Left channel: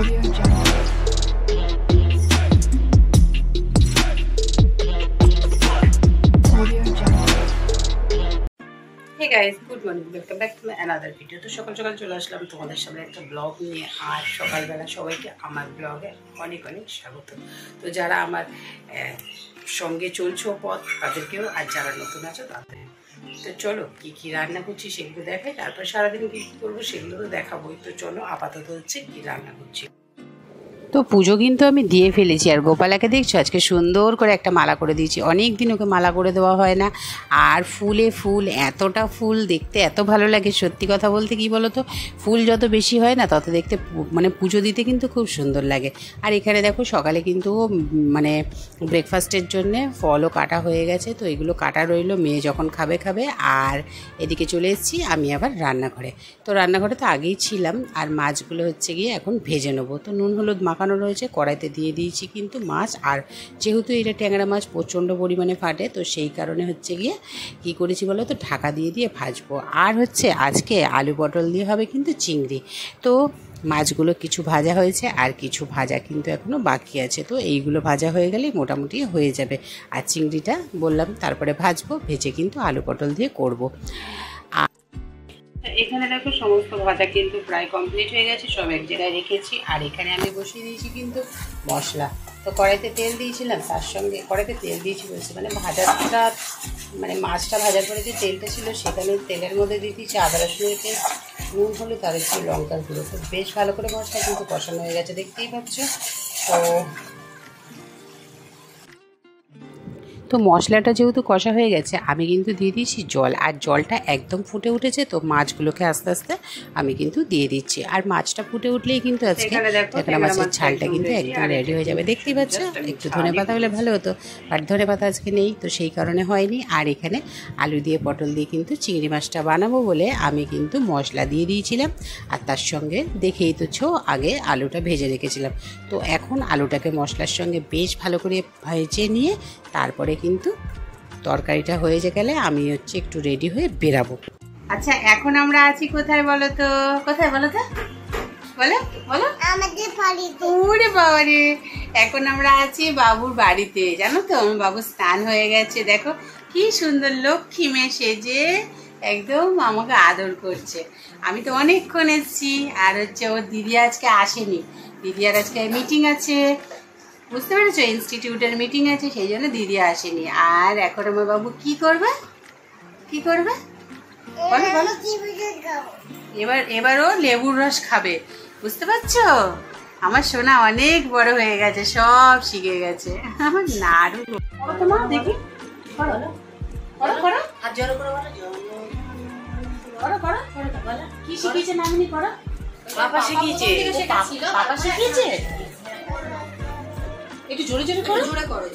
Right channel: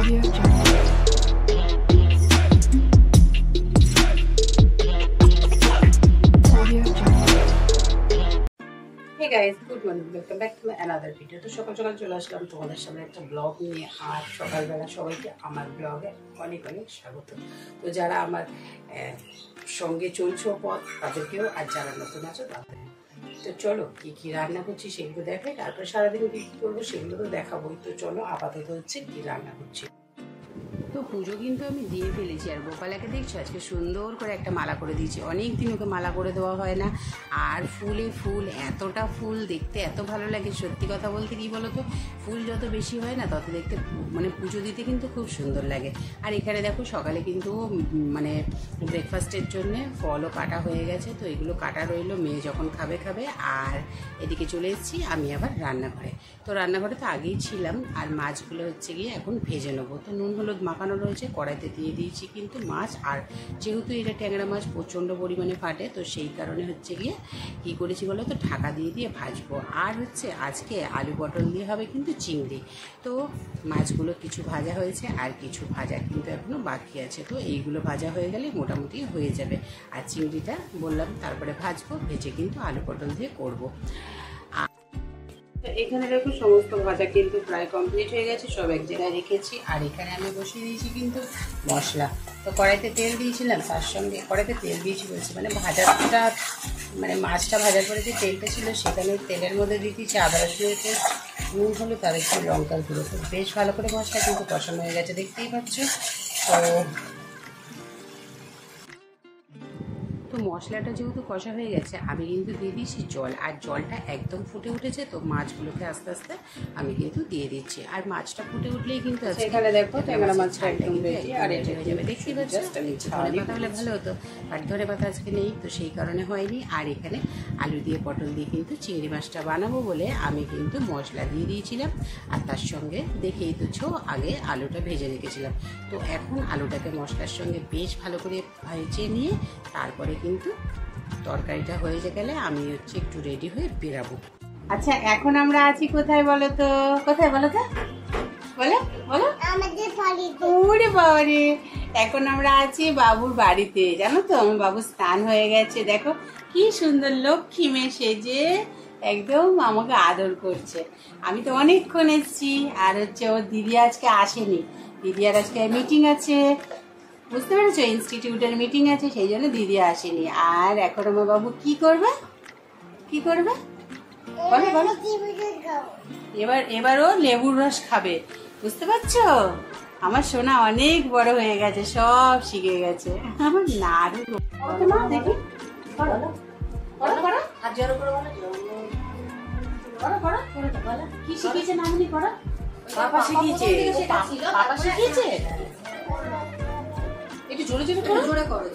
Audio Jungle. Audio Jungle. Hey guys, good morning. Welcome back to my another video. তো সকাল সকাল চলে আসলাম তোমাদের সামনে একটা ব্লগ নিয়ে। আর সকালবেলা সবাইকে আমার ব্লগে অনেক অনেক স্বাগত। তো যারা আমার সঙ্গে চলছো পথ তাদেরকেও, আর যারা নতুন আছো তাদের। তো চলো কি কি রান্না করছি সেগুলো দেখাই, তারপর সারাদিন কি করবো সেগুলো তো দেখাবোই। তো চলো আপাতত হচ্ছে কি রান্না করছি। তো পুজো কিন্তু আমি দিয়ে ফেলেছি, আর গোপালাকে দেখছো আজকে সুন্দর করে একটা মালা করে দিয়েছি। অনেক দিন ওকে মালা করে দেওয়া হয় না, আর ফুলে ফুল, এতটা ফুল দেখতে এত ভালো লাগে। সত্যি কথা বলতে কি বলো তো, ফুল যত বেশি হয় না তত দেখতে মানে পুজো দিতে কিন্তু খুব সুন্দর লাগে। আর এখানে দেখো সকালে কিন্তু মানে ব্রেকফাস্টের জন্যে ফলও কাটা হয়ে গেছে, তো এগুলো কাটা রইলো, মেয়ে যখন খাবে খাবে। আর এদিকে চলে এসেছি আমি আবার রান্নাঘরে। তো রান্নাঘরে তো আগেই ছিলাম, আর মাছগুলো হচ্ছে গিয়ে এখন ভেজে নেবো। তো নুন হলুদ মাখানো রয়েছে, কড়াইতে দিয়ে দিয়েছি কিন্তু মাছ। আর যেহেতু এটা ট্যাংরা মাছ প্রচণ্ড পরিমাণে ফাটে, তো সেই কারণে হচ্ছে গিয়ে কী করেছি বলো তো, ঢাকা দিয়ে দিয়ে ভাজবো। আর হচ্ছে আজকে আলু পটল দিয়ে হবে কিন্তু চিংড়ি। তো মাছগুলো কিছু ভাজা হয়েছে, আর কিছু ভাজা কিন্তু এখনও বাকি আছে। তো এইগুলো ভাজা হয়ে গেলেই মোটামুটি হয়ে যাবে। আর চিংড়িটা বললাম তারপরে ভাজবো, ভেজে কিন্তু আলু পটল দিয়ে করব। এখানে দেখো সমস্ত ভাজা কিন্তু প্রায় কমপ্লিট হয়ে গেছে, সব এক জায়গায় রেখেছি। আর এখানে আমি বসিয়ে দিয়েছি কিন্তু মশলা। তো কড়াইতে তেল দিয়েছিলাম, তার সঙ্গে কড়াইতে তেল দিয়েছি বলছি মানে ভাজাটা, মানে মাছটা ভাজার পরে যে তেলটা ছিল সেখানে তেলের মধ্যে দিয়ে দিয়েছি আদা রসুনের পেস্ট, নুন হলুদ, তার একটু লঙ্কার গুঁড়ো। তো বেশ ভালো করে মশলা কিন্তু কষানো হয়ে গেছে, দেখতেই পাচ্ছ। তো মশলাটা যেহেতু কষা হয়ে গেছে, আমি কিন্তু দিয়ে দিয়েছি জল। আর জলটা একদম ফুটে উঠেছে, তো মাছগুলোকে আস্তে আস্তে আমি কিন্তু দিয়ে দিচ্ছি। আর মাছটা ফুটে উঠলেই কিন্তু আজকে মাছের ঝালটা কিন্তু একদম রেডি হয়ে যাবে। দেখতেই পাচ্ছ, একটু ধনে পাতা হলে ভালো হতো, বাট ধনে পাতা আজকে নেই, তো সেই কারণে হয়নি। আর এখানে আলু দিয়ে পটল দিয়ে কিন্তু চিংড়ি মাছটা বানাবো বলে আমি কিন্তু মশলা দিয়ে দিয়েছিলাম। আর তার সঙ্গে দেখেই তো আগে আলুটা ভেজে রেখেছিলাম। তো এখন আলুটাকে মশলার সঙ্গে বেশ ভালো করে ভেজে নিয়ে তারপরে কিন্তু তরকারিটা হয়ে গেলে আমি হচ্ছে একটু রেডি হয়ে বেরাবো। আচ্ছা এখন আমরা আছি কোথায় বলো তো, কোথায় বলো তো, বলো বলো। আমাদের বাড়িতে। ওরে বাবা রে, এখন আমরা আছি বাবুর বাড়িতে। জানো তো আমার বাবু স্নান হয়ে গেছে, দেখো কি সুন্দর লক্ষ্মী মেয়ে সেজে একদম আমাকে আদর করছে। আমি তো অনেকক্ষণ এসেছি। আর হচ্ছে ওর দিদি আজকে আসেনি, দিদি আর আজকে মিটিং আছে, বুঝতে পেরেছো, ইনস্টিটিউটের মিটিং আছে, সেই জন্য দিদি আসেনি। আর এখন আমার বাবু কি করবে, কি করবে বলো বলো। এবার ও লেবুর রস খাবে, বুঝতে পারছো। আমার সোনা অনেক বড় হয়ে গেছে, সব শিখে গেছে। আমার নাড়ু দেখি কি শিখিয়েছে নামিনি, পড়া বাবা শিখিয়েছে, বাবা শিখিয়েছে। একটু জোরে জোরে করো, জোরে করো।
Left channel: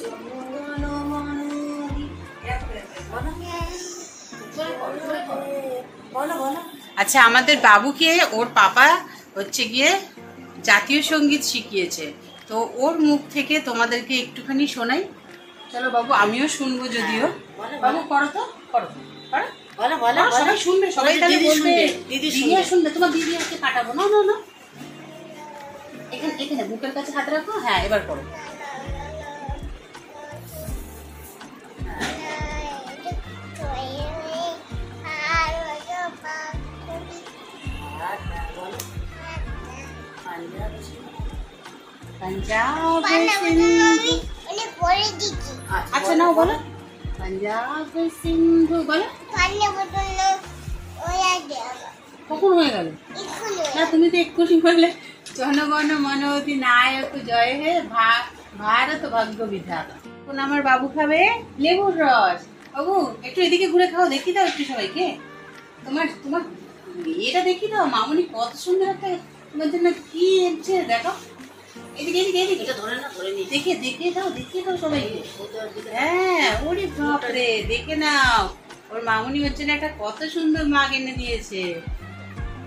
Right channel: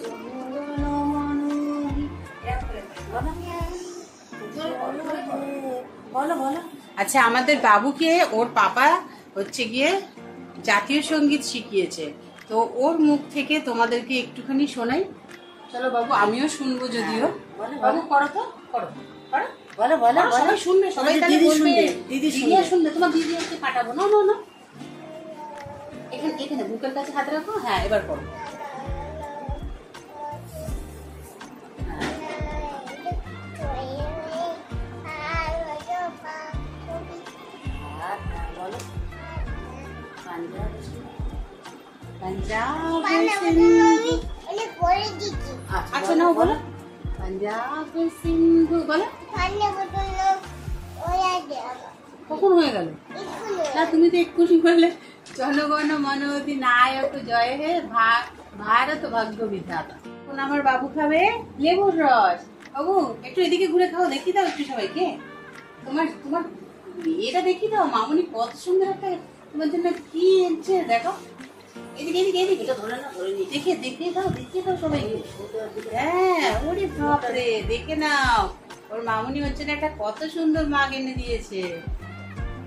আচ্ছা আমাদের বাবুকে ওর পাপা হচ্ছে গিয়ে জাতীয় সঙ্গীত শিখিয়েছে, তো ওর মুখ থেকে তোমাদেরকে একটুখানি শোনাই। চলো বাবু, আমিও শুনবো যদিও। বাবু করো তো, করো বলো বলো, সবাই শুনবে, সবাই দিদি শুনবে, দিদি শুনবে। তোমার দিদি আজকে কাটাবো না, না না, এখানে এখানে বুকের কাছে হাত রাখো। হ্যাঁ এবার করো। আচ্ছা নাও বলো, পাঞ্জাব সিন্ধু বলো। কখন হয়ে গেল না, তুমি তো এক্ষুনি বললে জনগণ মন অধিনায়ক জয় হে ভারত ভাগ্য বিধাতা। এখন আমার বাবু খাবে লেবুর রস। বাবু একটু এদিকে ঘুরে খাও, দেখি দাও একটু সবাইকে। তোমার তোমার মেয়েটা দেখি দাও, মামুনি কত সুন্দর একটা তোমার জন্য কি এনেছে দেখো। এদিকে এদিকে এদিকে, এটা ধরে না, ধরে নি, দেখে দেখে দাও, দেখে দাও সবাইকে। হ্যাঁ ওরে বাপরে, দেখে নাও ওর মামুনি হচ্ছে না একটা কত সুন্দর মাগ এনে দিয়েছে।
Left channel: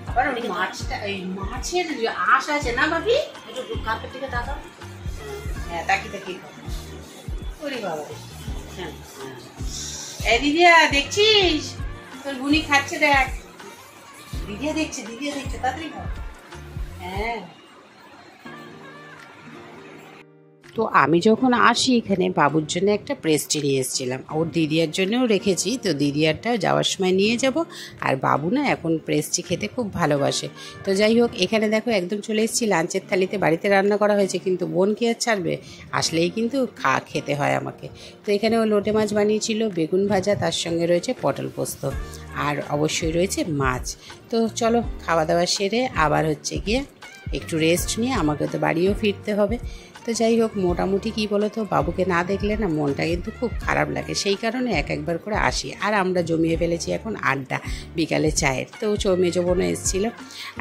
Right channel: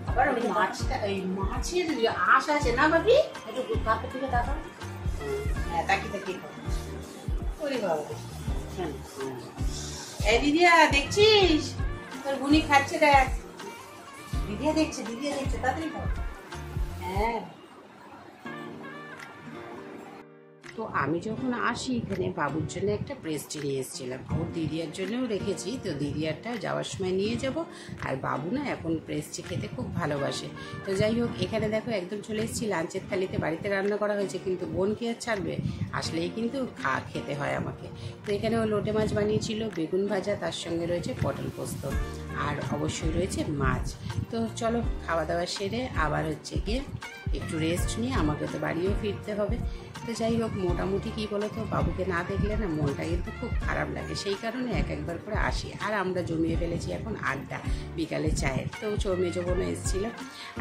আবার ওই মাছটা, এই মাছের আঁশ আছে না ভাবি, একটু কাপের দিকে তাকাও। হ্যাঁ তাকি তাকি, ওরে বাবা। হ্যাঁ এই দিদিয়া দেখছিস, তোর বুনি খাচ্ছে দেখ, দিদিয়া দেখছে, দিদিয়া দেখছে, তাড়াতাড়ি খাও। হ্যাঁ তো আমি যখন আসি এখানে বাবুর জন্য একটা প্রেস্টি নিয়ে এসেছিলাম, ওর দিদিয়ার জন্যও রেখেছি, তো দিদিয়ারটা যাওয়ার সময় নিয়ে যাব। আর বাবু না এখন প্রেস্টি খেতে খুব ভালোবাসে। তো যাই হোক, এখানে দেখো একদম চলে এসেছি লাঞ্চের থালিতে। বাড়িতে রান্না করা হয়েছে, কিন্তু বোন কি আর ছাড়বে, আসলেই কিন্তু খেতে হয় আমাকে। তো এখানে ও লোটে মাছ বানিয়েছিল, বেগুন ভাজা, তার সঙ্গে রয়েছে পটল পোস্ত, আর অবশ্যই রয়েছে মাছ। তো চলো খাওয়া দাওয়া সেরে আবার হচ্ছে গিয়ে একটু রেস্ট নিয়ে আমাকে তো বাড়িও ফিরতে হবে। তো যাই হোক, মোটামুটি কী বলো তো, বাবুকে না দেখলে না মনটা কিন্তু খুব খারাপ লাগে, সেই কারণে একবার করে আসি। আর আমরা জমিয়ে ফেলেছি এখন আড্ডা, বিকালে চায়ের। তো মেজো বোনও এসেছিল,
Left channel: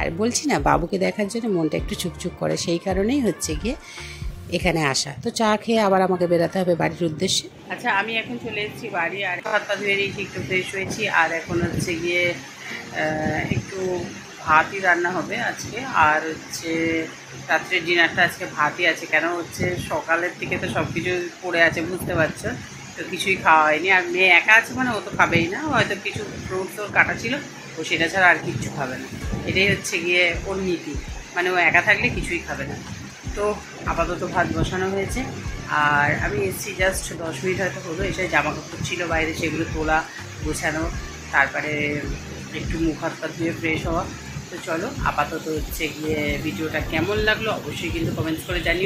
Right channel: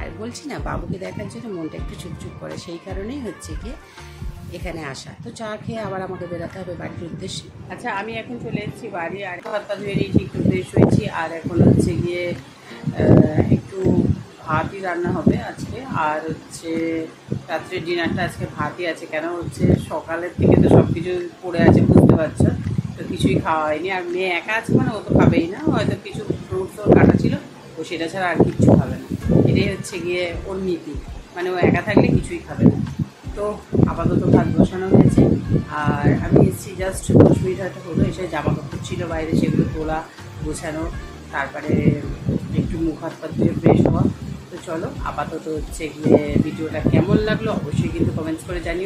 আর বলছি না বাবুকে দেখার জন্য মনটা একটু চুপচুপ করে, সেই কারণেই হচ্ছে গিয়ে এখানে আসা। তো চা খেয়ে আবার আমাকে বেরোতে হবে বাড়ির উদ্দেশ্যে। আচ্ছা, আমি এখন চলে এসেছি বাড়ি, আর হাত পা ধুয়ে নিয়েছি, একটু ফ্রেশ হয়েছি। আর এখন হচ্ছে গিয়ে একটু ভাতই রান্না হবে আজকে, আর হচ্ছে রাত্রের ডিনারটা আজকে ভাতই আছে। কেন হচ্ছে সকালের থেকে তো সব কিছু পড়ে আছে, বুঝতে পারছো, তো কিছুই খাওয়া হয়নি। আর মেয়ে একা আছে মানে ও তো খাবেই না, হয়তো কিছু ফ্রুটস ওর কাটা ছিল, ও সেটা ছাড়া আর কিচ্ছু খাবে না। এটাই হচ্ছে গিয়ে ওর নীতি, মানে ও একা থাকলে কিছুই খাবে না। তো আপাতত ভাত বসানো হয়েছে, আর আমি এসেছি জাস্ট 10 মিনিট হয়তো হলো। এসে জামা কাপড় ছিল বাইরে, সেগুলো তোলা, গোছানো, তারপরে একটু মুখ হাত পা ধুয়ে ফ্রেশ হওয়া। তো চলো, আপাতত হচ্ছে গিয়ে ভিডিওটা কেমন লাগলো অবশ্যই কিন্তু কমেন্টস করে জানিও।